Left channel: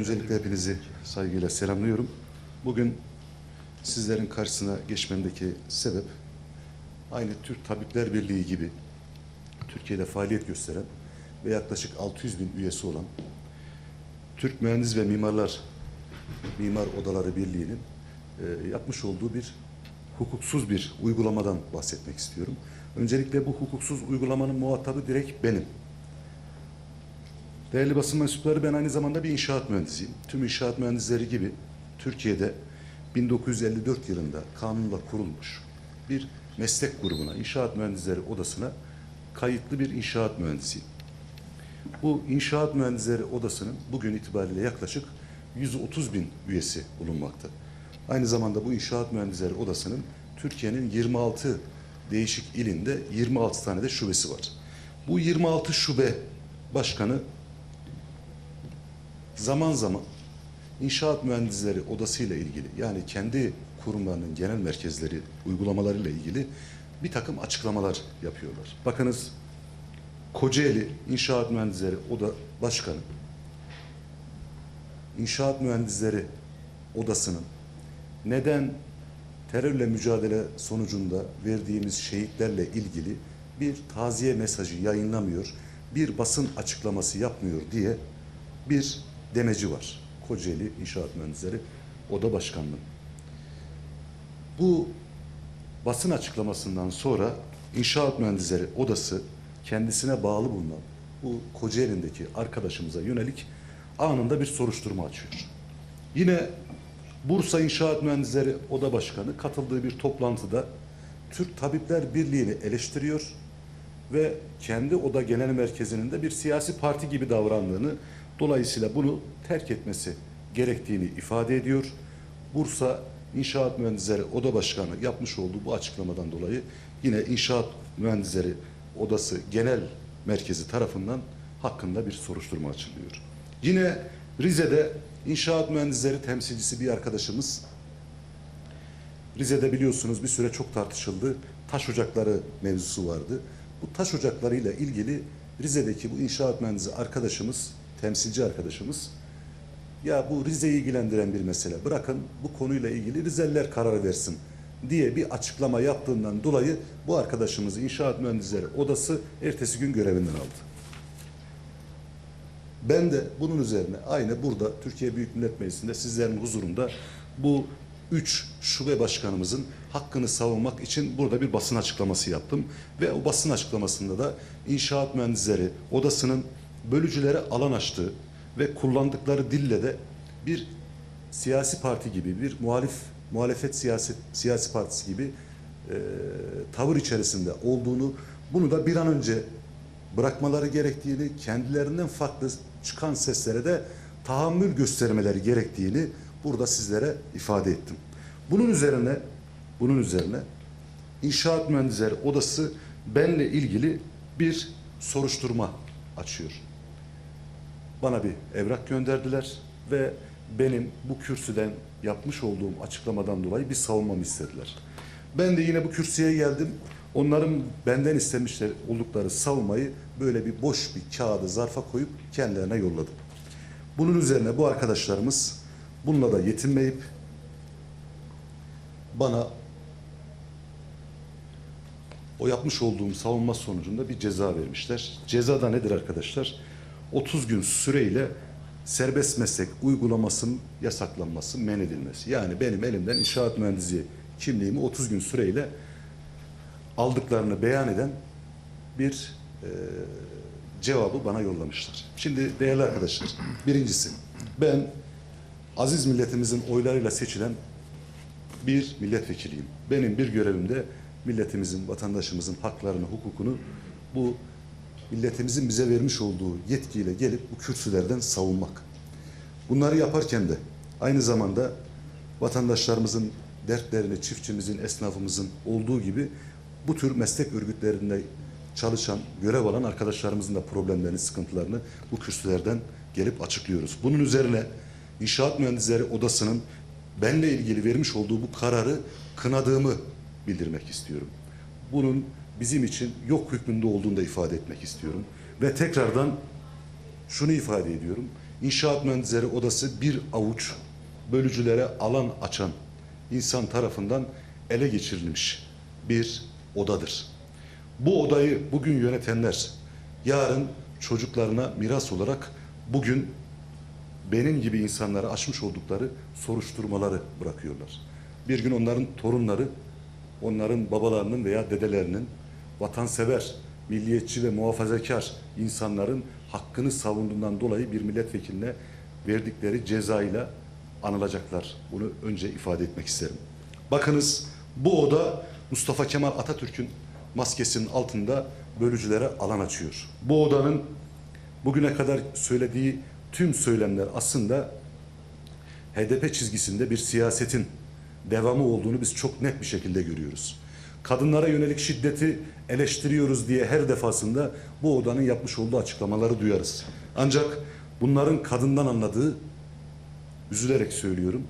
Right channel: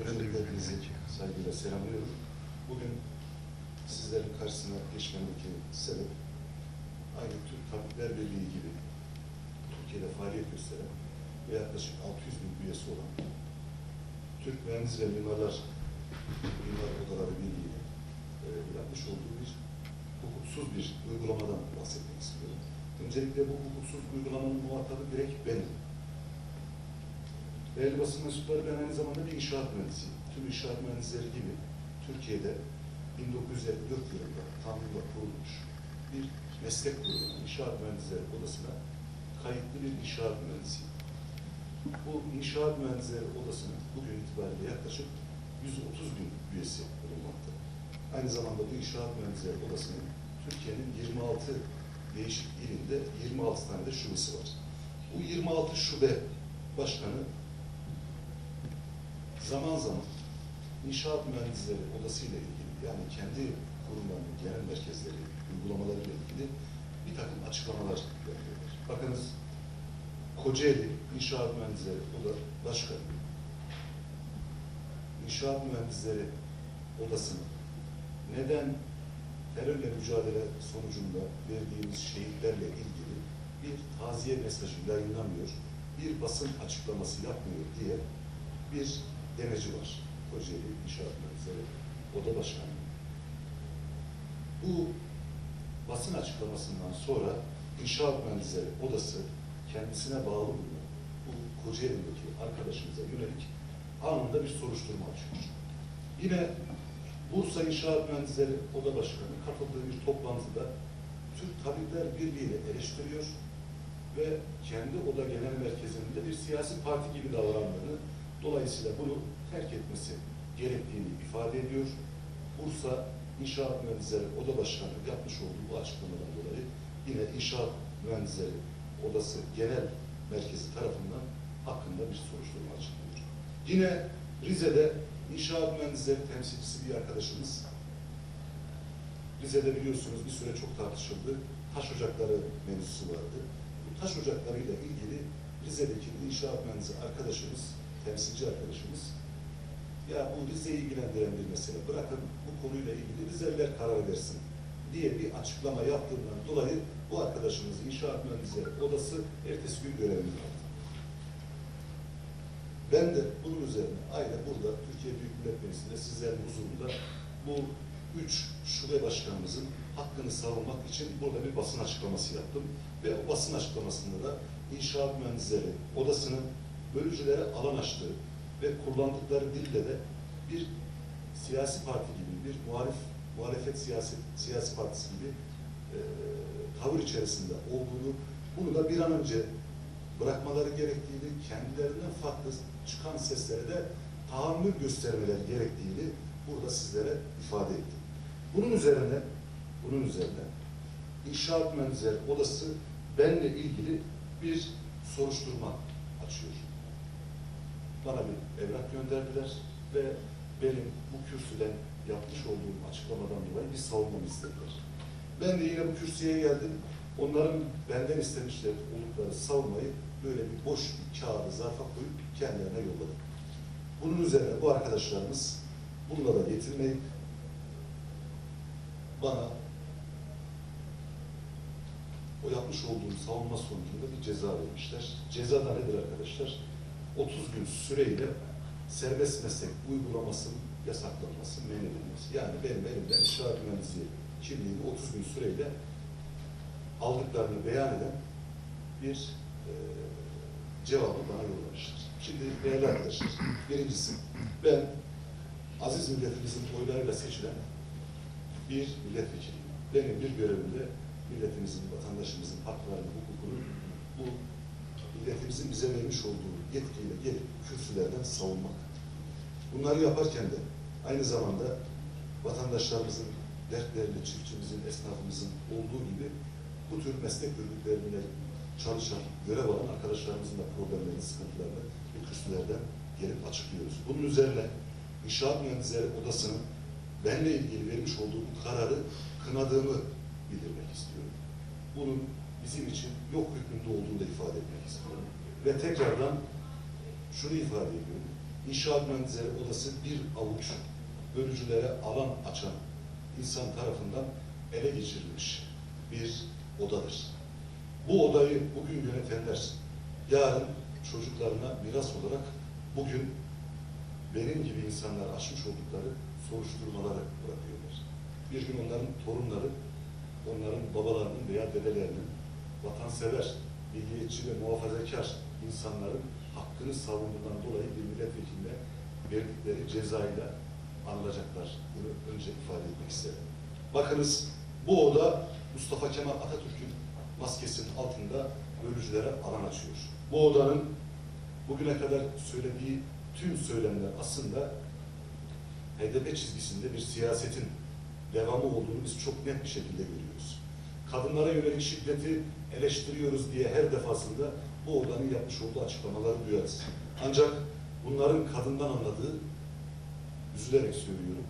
öncelikle hepinizi saygıyla selamlıyorum. Bugün sizlerin karşısına geçmemdeki sebep aynı Türk Tabipler Birliği gibi Türkiye'de faaliyet gösteren ve yaklaşık 600 bin üyesi olan Türk Mühendis ve Mimarlar Mimar Odaları Birliği'nin e, yapmış olduğu bir hukuksuz bir uygulamadan bahsetmek istiyorum. Öncelikle bu hukuksuz uygulamanın muhatabı direkt benim. Değerli basın mensupları ben aynı zamanda bir inşaat mühendisiyim. Tüm inşaat mühendisleri gibi Türkiye'de 1954 yılında kanunla kurulmuş bir meslek grubuna, inşaat mühendisleri odasına kayıtlı bir inşaat mühendisiyim. Bu inşaat mühendisleri odasının bugün itibariyle yaklaşık 130 bin üyesi bulunmakta. Aynı zamanda bu inşaat mühendisleri odasının Türkiye'nin 26 değişik ilinde 26 tane de şubesi var. Bu 26 şube başkanı zaman zaman inşaat mühendisleri odasıyla ilgili yani kendi kurumlarının genel merkezleri uygulamalarıyla ilgili bir takım açıklamalar yapıyorlar. Bakınız Kocaeli İnşaat Mühendisleri Oda Başkanı İnşaat Mühendisleri Odası'nın neden terörle mücadele sonucunda verdiğimiz şehitlerle ilgili bir taziye mesajı yayınlamıyor, bir basın açıklaması yapmıyor diye bir demeci var. Kocaeli İnşaat Mühendisleri Oda Başkanlığı. Bu basın açıklamasından sonra İnşaat Mühendisleri Odası kendisine bağlı bulunan bu Kocaeli'ndeki arkadaşımıza yönelik anında bir soruşturma açıyor. Yine Bursa İnşaat Mühendisleri Oda Başkanı katıldığı bir toplantıda Türk Tabipler Birliği'ni eleştiriyor ve kendi oda genel merkezinin de bir siyasi parti gibi davrandığını, dolayısıyla bunu terk etmesi gerektiğini ifade ediyor. Bursa İnşaat Mühendisleri Oda Başkanı yapmış olduğu bu açıklamadan dolayı yine İnşaat Mühendisleri Odası Genel Merkezi tarafından hakkında bir soruşturma açılıyor. Yine Rize'de İnşaat Mühendisleri temsilcisi bir arkadaşımız Rize'de biliyorsunuz bir süre çok tartışıldı. Taş ocakları mevzusu vardı. Bu taş ocaklarıyla ilgili Rize'deki bu inşaat mühendisi arkadaşımız, temsilci arkadaşımız ya bu Rize'yi ilgilendiren bir mesele. Bırakın bu konuyla ilgili Rizeliler karar versin diye bir açıklama yaptığından dolayı bu arkadaşımız İnşaat Mühendisleri Odası ertesi gün görevinden aldı. Ben de bunun üzerine aynı burada Türkiye Büyük Millet Meclisi'nde sizlerin huzurunda bu üç şube başkanımızın hakkını savunmak için burada bir basın açıklaması yaptım. Ve o basın açıklamasında da İnşaat Mühendisleri Odası'nın bölücülere alan açtığı ve kullandıkları dille de bir siyasi parti gibi, bir muhalif muhalefet siyasi, siyasi partisi gibi e, tavır içerisinde olduğunu, bunu da bir an önce bırakmaları gerektiğini, kendilerinden farklı çıkan seslere de tahammül göstermeleri gerektiğini burada sizlere ifade ettim. Bunun üzerine bunun üzerine İnşaat Mühendisleri Odası benle ilgili bir soruşturma açıyor. Bana bir evrak gönderdiler ve benim bu kürsüden yapmış olduğum açıklamadan dolayı bir savunmamı istediler. Ben de yine bu kürsüye geldim. Onların benden istemişler oldukları savunmayı böyle bir boş bir kağıdı zarfa koyup kendilerine yolladım. Bunun üzerine bu arkadaşlarımız bununla da yetinmeyip bana o yapmış olduğum savunma sonucunda bir ceza vermişler. Ceza da nedir arkadaşlar? 30 gün süreyle serbest meslek uygulamasının yasaklanması, men edilmesi. Yani benim elimden inşaat mühendisi kimliğimi 30 gün süreyle aldıklarını beyan eden bir e, cevabı bana yollamışlar. Şimdi değerli arkadaşlar, birincisi ben aziz milletimizin oylarıyla seçilen bir milletvekiliyim. Benim bir görevimde milletimizin, vatandaşımızın haklarını, hukukunu bu milletimizin bize vermiş olduğu yetkiyle gelip bu kürsülerden savunmak. Bunları yaparken de aynı zamanda vatandaşlarımızın dertlerini, çiftçimizin, esnafımızın olduğu gibi bu tür meslek örgütlerinde çalışan, görev alan arkadaşlarımızın da problemlerini, sıkıntılarını bu kürsülerden gelip açıklıyoruz. Bunun üzerine İnşaat Mühendisleri Odası'nın benle ilgili vermiş olduğu bu kararı kınadığımı bildirmek istiyorum. Bunun bizim için yok hükmünde olduğunu da ifade etmek istiyorum. Ve tekrardan şunu ifade ediyorum. İnşaat Mühendisleri Odası bir avuç bölücülere alan açan insan tarafından ele geçirilmiş bir odadır. Bu odayı bugün yönetenler yarın çocuklarına miras olarak bugün benim gibi insanlara açmış oldukları soruşturmaları bırakıyorlar. Bir gün onların torunları, onların babalarının veya dedelerinin vatansever, milliyetçi ve muhafazakar insanların hakkını savunduğundan dolayı bir milletvekiline verdikleri cezayla anılacaklar. Bunu önce ifade etmek isterim. Bakınız bu oda Mustafa Kemal Atatürk'ün maskesinin altında bölücülere alan açıyor. Bu odanın bugüne kadar söylediği tüm söylemler aslında HDP çizgisinde bir siyasetin devamı olduğunu biz çok net bir şekilde görüyoruz. Kadınlara yönelik şiddeti eleştiriyoruz diye her defasında bu odanın yapmış olduğu açıklamaları duyarız. Ancak bunların kadından anladığı, üzülerek söylüyorum,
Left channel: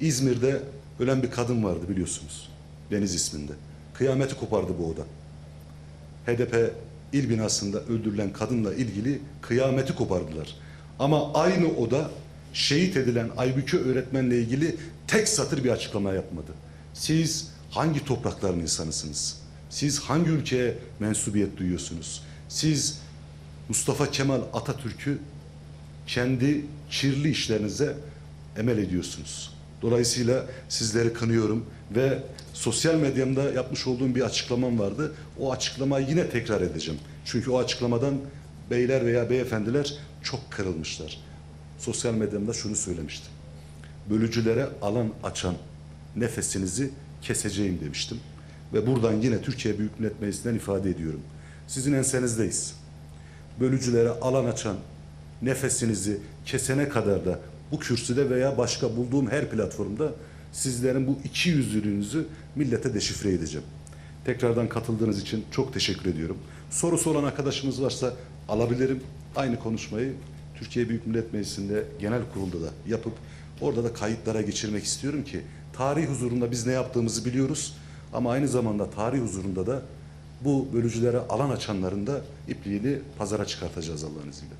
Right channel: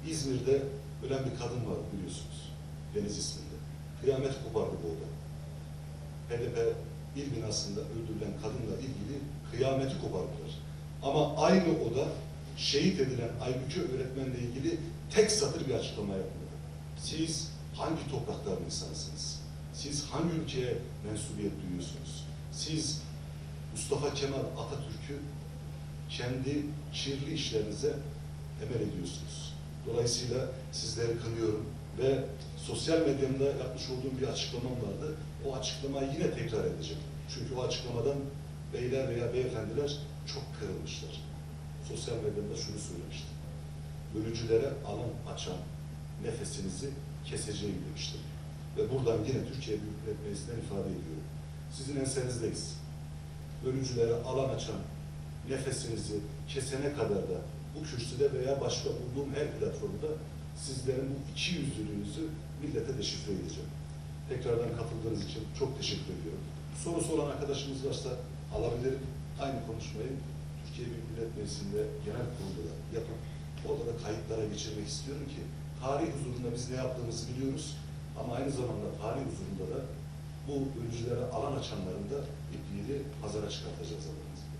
İzmir'de ölen bir kadın vardı biliyorsunuz. Deniz isminde. Kıyameti kopardı bu oda. HDP il binasında öldürülen kadınla ilgili kıyameti kopardılar. Ama aynı oda şehit edilen Aybüke öğretmenle ilgili tek satır bir açıklama yapmadı. Siz hangi toprakların insanısınız? Siz hangi ülkeye mensubiyet duyuyorsunuz? Siz Mustafa Kemal Atatürk'ü kendi kirli işlerinize emel ediyorsunuz. Dolayısıyla sizleri kınıyorum ve sosyal medyamda yapmış olduğum bir açıklamam vardı. O açıklamayı yine tekrar edeceğim. Çünkü o açıklamadan beyler veya beyefendiler çok kırılmışlar. Sosyal medyamda şunu söylemiştim. Bölücülere alan açan nefesinizi keseceğim demiştim. Ve buradan yine Türkiye Büyük Millet Meclisi'nden ifade ediyorum. Sizin ensenizdeyiz. Bölücülere alan açan nefesinizi kesene kadar da bu kürsüde veya başka bulduğum her platformda sizlerin bu iki yüzlülüğünüzü millete deşifre edeceğim. Tekrardan katıldığınız için çok teşekkür ediyorum. Sorusu olan arkadaşımız varsa alabilirim. Aynı konuşmayı Türkiye Büyük Millet Meclisi'nde genel kurulda da yapıp orada da kayıtlara geçirmek istiyorum ki tarih huzurunda biz ne yaptığımızı biliyoruz ama aynı zamanda tarih huzurunda da bu bölücülere alan açanların da ipliğini pazara çıkartacağız Allah'ın izniyle.